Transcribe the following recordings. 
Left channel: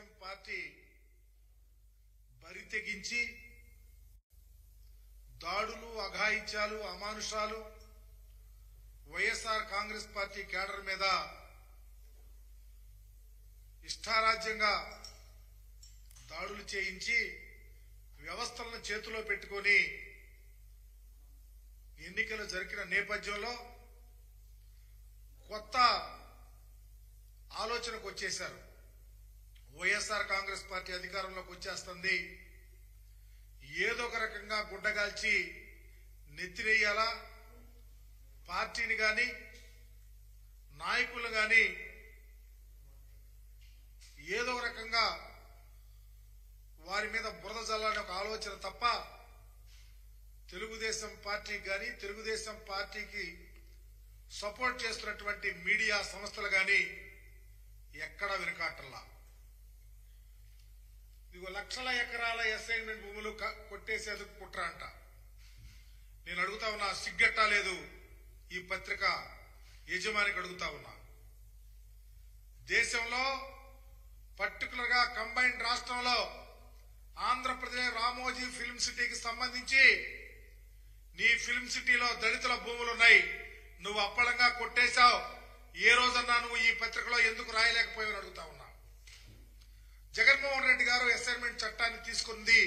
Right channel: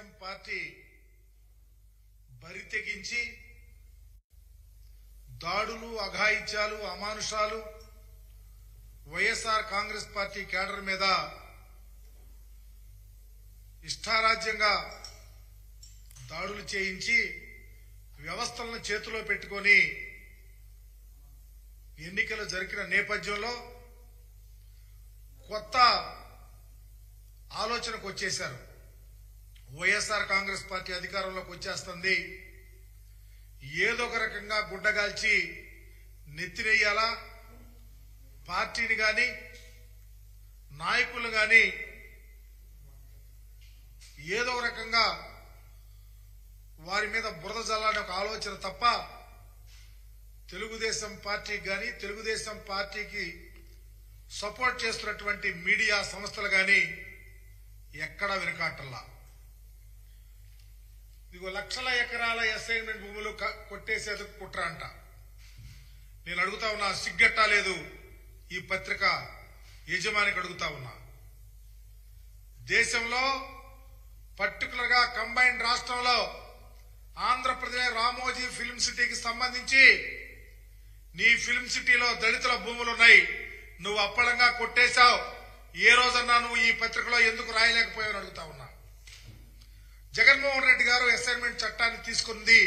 Telugu Desam party బరితెగించి దాడులు, అఘాయిత్యాలు, అమానుషాలు YSR Congress party cadre మీద ఇష్టారాజ్యంగా దాడులు చేయించి వ్యవస్థలను చేతిలో పెట్టుకొని ఎన్నికలు జరిగిన నేపథ్యంలో కొత్త ఆలోచనకు వచ్చేశారు. వైఎస్ఆర్ కాంగ్రెస్ పార్టీ అధికారంలోకి వచ్చేస్తుంది, ఏదో ఒక రకంగా గుడ్డగాల్చి నెత్తినేయాలా, పార్టీని గాని నాయకులు గాని ఏదో ఒక రకంగా వారి మీద బురద జల్లాలనే ఒక ఆలోచన తప్ప తెలుగుదేశం పార్టీకి గాని తెలుగుదేశం పార్టీకి సపోర్ట్ చేస్తున్నటువంటి మీడియా సంస్థలు గాని ఎక్కడా వెనకాటల్లా. ఇదిగో లక్షల ఎకరాల అసైన్మెంట్ భూములు కొట్టేసేందుకు కుట్ర అంట. నేను అడుగుతా ఉన్నా, సిగ్గట్టా లేదు ఈ పత్రిక యజమానికి అడుగుతా ఉన్నా. దేశంలో పర్టికులర్ గా కంబైన్డ్ రాష్ట్రంలో ఆంధ్రప్రదేశ్ రామోజీ ఫిల్మ్ సిటీకి సంబంధించి నీ ఫిల్మ్ సిటీలో దళితుల భూములు ఉన్నాయి, నువ్వు అప్పడంగా కొట్టేశావు. ఏ రోజన్నా నువ్వు ఈ పత్రికలో ఎందుకు రాయలేకపోయావు అడుగుతా ఉన్నా. జగన్మోహన్ రెడ్డి గారు అసైన్మెంట్ చట్టాన్ని తీసుకుంది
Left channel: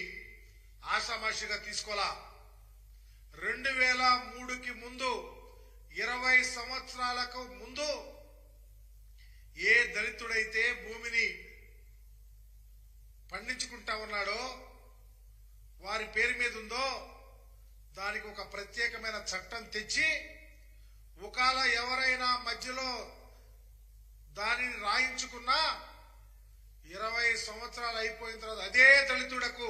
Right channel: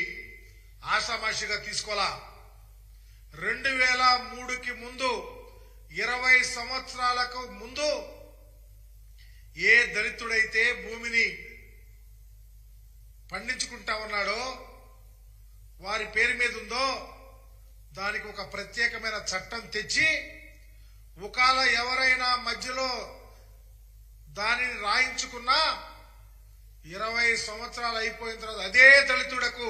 ఆషామాషిగా తీసుకోవాలా. 2003కి ముందు 20 సంవత్సరాలకు ముందు ఏ దళితుడైతే భూమిని పండించుకుంటా ఉన్నాడో, వారి పేరు మీద ఉందో, దానికి ఒక ప్రత్యేకమైన చట్టం తెచ్చి ఒకవేళ ఎవరైనా మధ్యలో దానిని రాయించుకున్నా 20 సంవత్సరాలు అయిపోయిన తర్వాత అదే దళితుడకు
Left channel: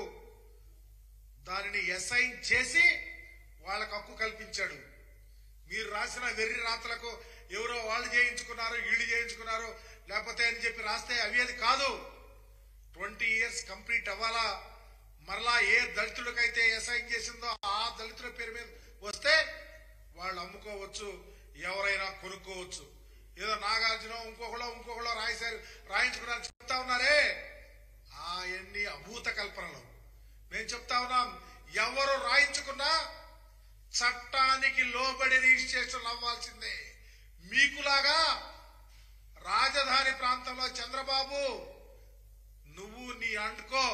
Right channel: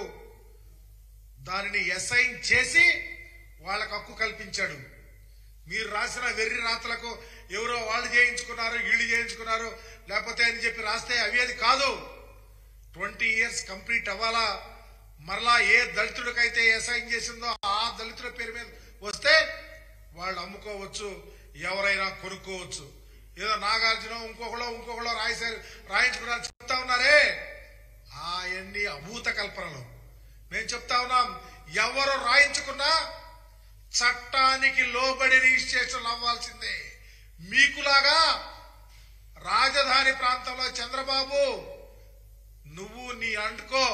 దానిని అసైన్ చేసి వాళ్ళకు హక్కు కల్పించాడు. మీరు రాసిన వెర్రి రాతలకు ఎవరో వాళ్ళు చేయించుకున్నారు, వీళ్ళు చేయించుకున్నారు లేకపోతే అని చెప్పి రాస్తే అవి కాదు. 20 years కంప్లీట్ అవ్వాలా. మరలా ఏ దళితుడికైతే అసైన్ చేసిందో ఆ దళితుల పేరు మీద వస్తే వాళ్ళు అమ్ముకోవచ్చు, ఎవరైనా కొనుక్కోవచ్చు. ఏదో నాగార్జున ఇంకొకళ్ళో రాయించుకున్నారు చెప్తా ఉన్నారే, అవన్నీ అభూత కల్పనలు. మేము చెప్తా ఉన్నాం, ఎవరు రాయించుకున్నా చట్టానికి లోబడి రిజిస్ట్రేషన్ అవ్వాల్సిందే. మీకులాగా రాజధాని ప్రాంతంలో చంద్రబాబు నువ్వు నీ అంటుకో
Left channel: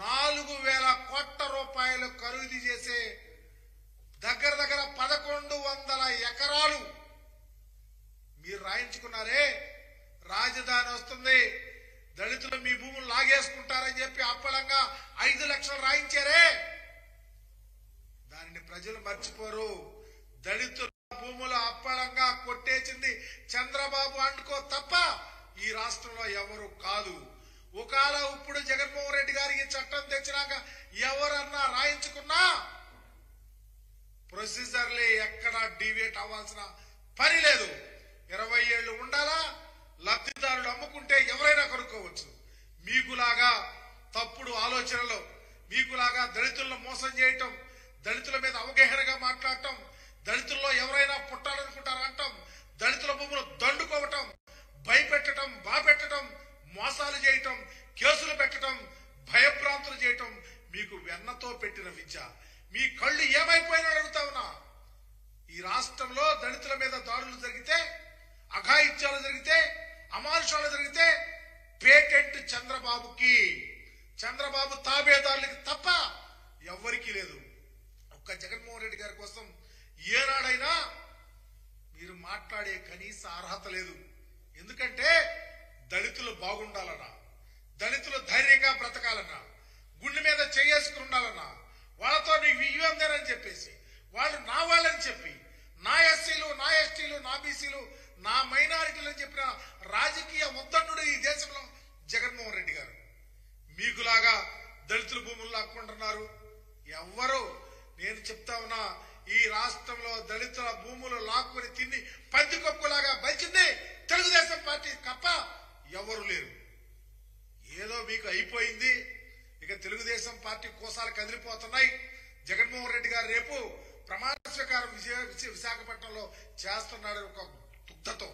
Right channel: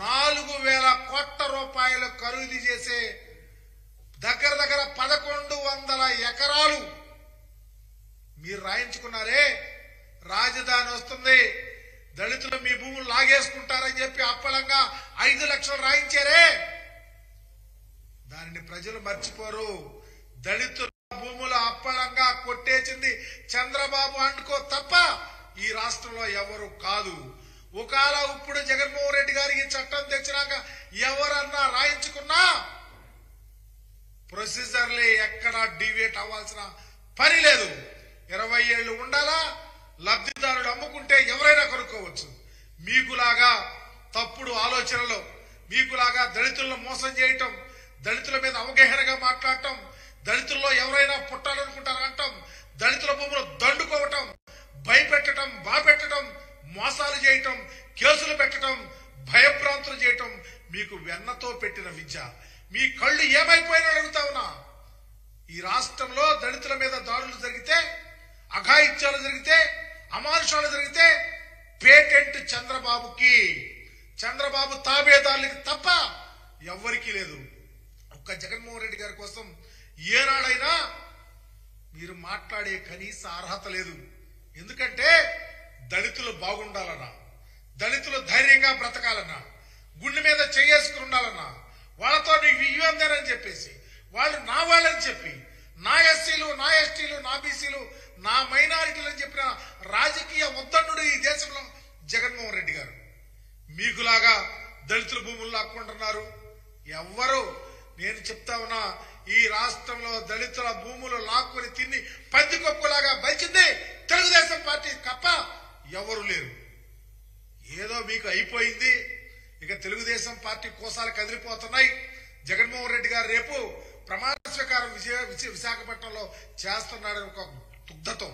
4,000 కోట్ల రూపాయలు ఖరీదు చేసే దగ్గర 1,100 ఎకరాలు మీరు రాయించుకున్నారే. రాజధాని వస్తుంది, దళితులు మీ భూములు లాగేసుకుంటారని చెప్పి అప్పలంగా 5 లక్షలు రాయించారే. దానిని ప్రజలు మర్చిపోరు. దళితుల భూములు అప్పలంగా కొట్టేసింది చంద్రబాబు అంటుకో తప్ప ఈ రాష్ట్రంలో ఎవరు కాదు. ఒకవేళ ఇప్పుడు జగన్మోహన్ రెడ్డి గారు ఈ చట్టం తెచ్చినాక ఎవరన్నా రాయించుకున్నా ప్రొసీజర్లే ఎక్కడా డివేట్ అవ్వాల్సిన పని లేదు. 20 ఏళ్లు ఉండాలా, లబ్ధిదారుడు అమ్ముకుంటే ఎవరైనా కొనుక్కోవచ్చు. మీకులాగా తప్పుడు ఆలోచనలు, మీకులాగా దళితులను మోసం చేయటం, దళితుల మీద అవగాహనగా మాట్లాడటం, దళితుల్లో ఎవరైనా పుట్టాలనుకుంటారంటాం, దళితుల భూములు దండుకోవటం, భయపెట్టడం, బాపెట్టడం, మోసాలు చేయటం, కేసులు పెట్టడం, భయభ్రాంతులు చేయటం మీకు వెన్నతో పెట్టిన విద్య. మీ కళ్ళు ఏమైపోయినా అడుగుతా ఉన్నా. ఈ రాష్ట్రంలో దళితుల మీద దాడులు జరిగితే, అఘాయిత్యాలు జరిగితే, అమానుషాలు జరిగితే పేటెంట్ చంద్రబాబుకి, చంద్రబాబు తాబేదారులకి తప్ప ఎవ్వరికీ లేదు. ఒక్క జగన్మోహన్ రెడ్డి గారి కోసం ఏనాడైనా మీరు మాట్లాడే కనీస అర్హత లేదు. ఎందుకంటే దళితులు బాగుండాలన్నా, దళితులు ధైర్యంగా బ్రతకాలన్నా, గుండె మీద చేసుకుని ఉండాలన్నా, వాళ్ళతో నీకు ఇవ్వందేనని చెప్పేసి వాళ్ళు నా వాళ్ళని చెప్పి, నా ఎస్సీలు, నా ఎస్టీలు, నా బీసీలు, నా మైనారిటీలు అని చెప్పిన రాజకీయ ఉద్దండుడు ఈ దేశంలో జగన్మోహన్ రెడ్డి గారు. మీకులాగా దళితుల భూములు లాక్కుంటున్నారు ఎవ్వరు. నేను చెప్తా ఉన్నా, ఈ రాష్ట్రంలో దళితుల భూములు లాక్కుని తిని పందికొక్కులాగా బలిచింది తెలుగుదేశం పార్టీ తప్ప ఎవరు లేరు. ఏదో మీకు అయిపోయింది. ఇక తెలుగుదేశం పార్టీ కోసాలు కదిలిపోతున్నాయి. జగన్మోహన్ రెడ్డి గారు రేపు ప్రమాణ స్వీకారం విశాఖపట్నంలో చేస్తున్నాడని ఒక దుగ్ధతో,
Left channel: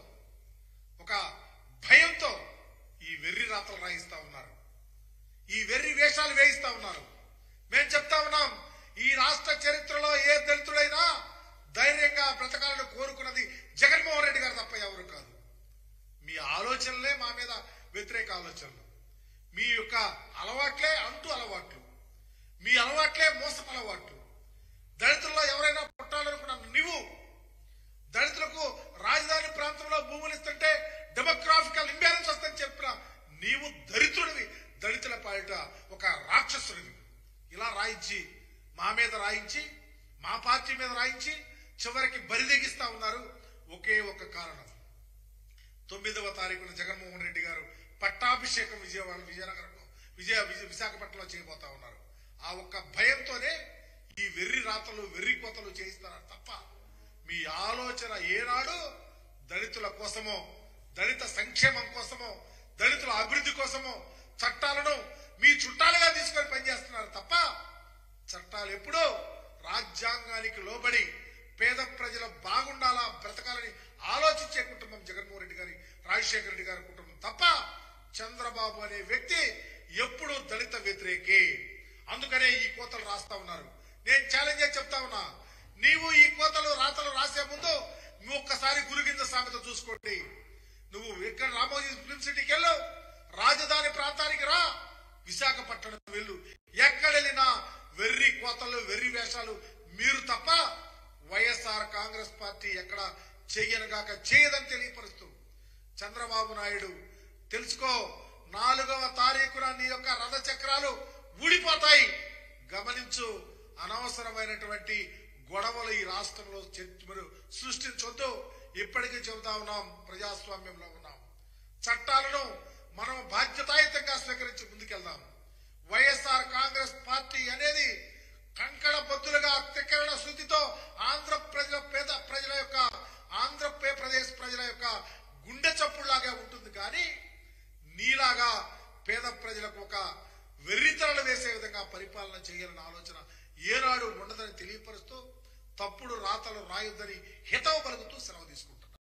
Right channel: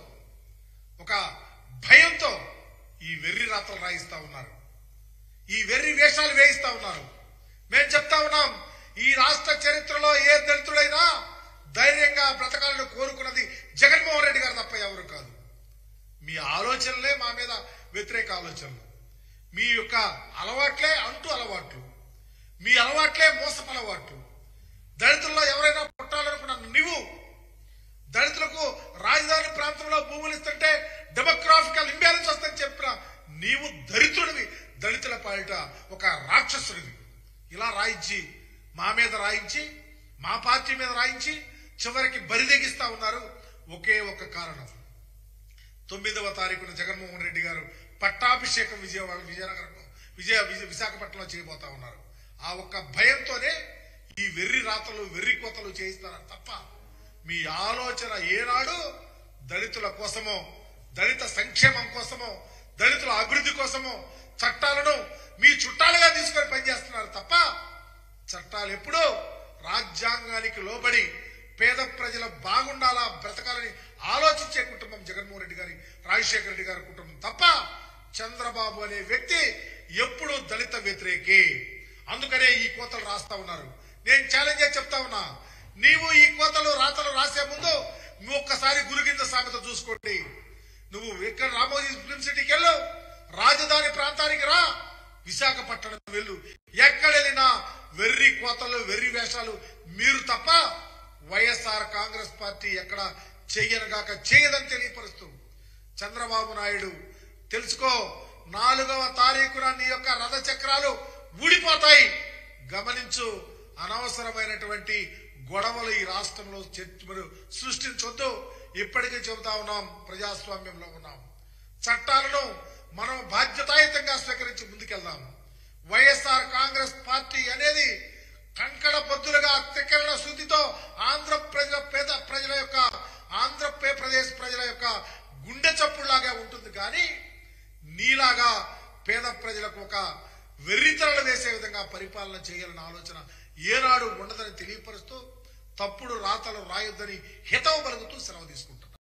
ఒక భయంతో ఈ వెర్రి రాతలు రాయిస్తా ఉన్నారు, ఈ వెర్రి వేషాలు వేయిస్తా ఉన్నారు. మేము చెప్తా ఉన్నాం, ఈ రాష్ట్ర చరిత్రలో ఏ దళితుడైనా ధైర్యంగా బ్రతకాలని కోరుకున్నది జగన్మోహన్ రెడ్డి గారు తప్ప ఎవరు కాదు. మీ ఆలోచనలే మా మీద వ్యతిరేక ఆలోచనలు, మీ యొక్క అలవాట్లే అంటూ అలవాట్లు, మీ అలవాట్లే మోసపు అలవాట్లు. దళితుల్లో ఎవరైనా పుట్టాలనుకున్న నువ్వు దళితులకు రాజధాని ప్రాంతంలో భూములు ఇస్తుంటే డెమోగ్రాఫికల్ ఇంబ్యాలెన్స్ వస్తుందని చెప్పిన నీవు దరిద్రుడివి, దళితుల పాలిట ఒక రాక్షసుడివి. ఇలా రాయించి మా మీద రాయించి మా పార్టీ మీద రాయించి చివరికి బరిదెగిస్తా ఉన్నారు. ఒకే ఒక కారణం, 9వ తారీఖున జగన్మోహన్ రెడ్డి గారు పట్టాభిషేకం విశాఖపట్నంలో చేయబోతా ఉన్నారు. ఆ ఒక్క భయంతోనే ఈ వెర్రి రాతలు వెర్రి కోతలు చేయిస్తారు తప్ప మీ ఆలోచన ఏనాడు దళితుల కోసమో దళిత సంక్షేమం కోసమో దళితుల అభివృద్ధి కోసమో చట్టాలను మీ చుట్టాలుగా తీసుకొని పనిచేస్తున్నారు తప్ప చట్టాలు ఎప్పుడూ రాజ్యాంగానికి లోబడి పేద ప్రజల బాగుండాలా బ్రతకాలని ఆలోచించే కుటుంబం జగన్మోహన్ రెడ్డి గారి రాజశేఖర రెడ్డి గారి కుటుంబం తప్ప చంద్రబాబు అనే వ్యక్తి ఎప్పుడు దళిత వ్యతిరేకి. అందుకనే ఈ కోతలు రాస్తా ఉన్నారు. నేను ఛాలెంజ్ చేసి చెప్తా ఉన్నా, నీవు ఈ కోతలు రాతలు రాసే ముందు నువ్వు ఒక్కసారి గురుగింజ సామెత చూసుకోండి. నువ్వు ఇక్కడ రామోజీ ఫిల్మ్ సిటీకి వెళ్ళు, రాజధాని ప్రాంతానికి రా, విశాఖపట్నం వెళ్ళు, ఎక్కడ వెళ్ళినా వెర్రి కోతలు వెర్రి వేషాలు మీరు తప్ప వైఎస్ఆర్ కాంగ్రెస్ పార్టీ ఎక్కడ చెయ్యనగాక చేయదని తెలియపరుస్తూ చంద్రబాబు నాయుడు తెలుసుకో, 4వ తారీఖున నీ యొక్క రథ చక్రాలు ఊడిపోతాయి, గమనించు. అనవసరమైనటువంటి గొడవలు ఈ రాష్ట్రంలో సృష్టించొద్దు. ఇప్పటికే చెబుతా ఉన్నాం, ప్రజాస్వామ్యంలో ఉన్నాం, చట్టాలను మనం బాధ్యతాయుతంగా స్వీకరించి ముందుకెళ్దాం. వైఎస్ఆర్ కాంగ్రెస్ పార్టీ అనేది కంకణ బద్దులుగా త్రికరణ శుద్ధితో ఆంధ్రప్రదేశ్ ప్రజల యొక్క గుండె చప్పుడులాగా ఉంటుంది. కానీ నీలాగా పేద ప్రజలకు ఒక వెర్రితరలు వేసే విధంగా పరిపాలన చేయాలన్న ఆలోచన ఏనాడు ఉండదని తెలియపరుస్తూ తప్పుడు రాతలు రాయొద్దని హితవు పలుకుతూ సెలవు తీసుకుంటాం.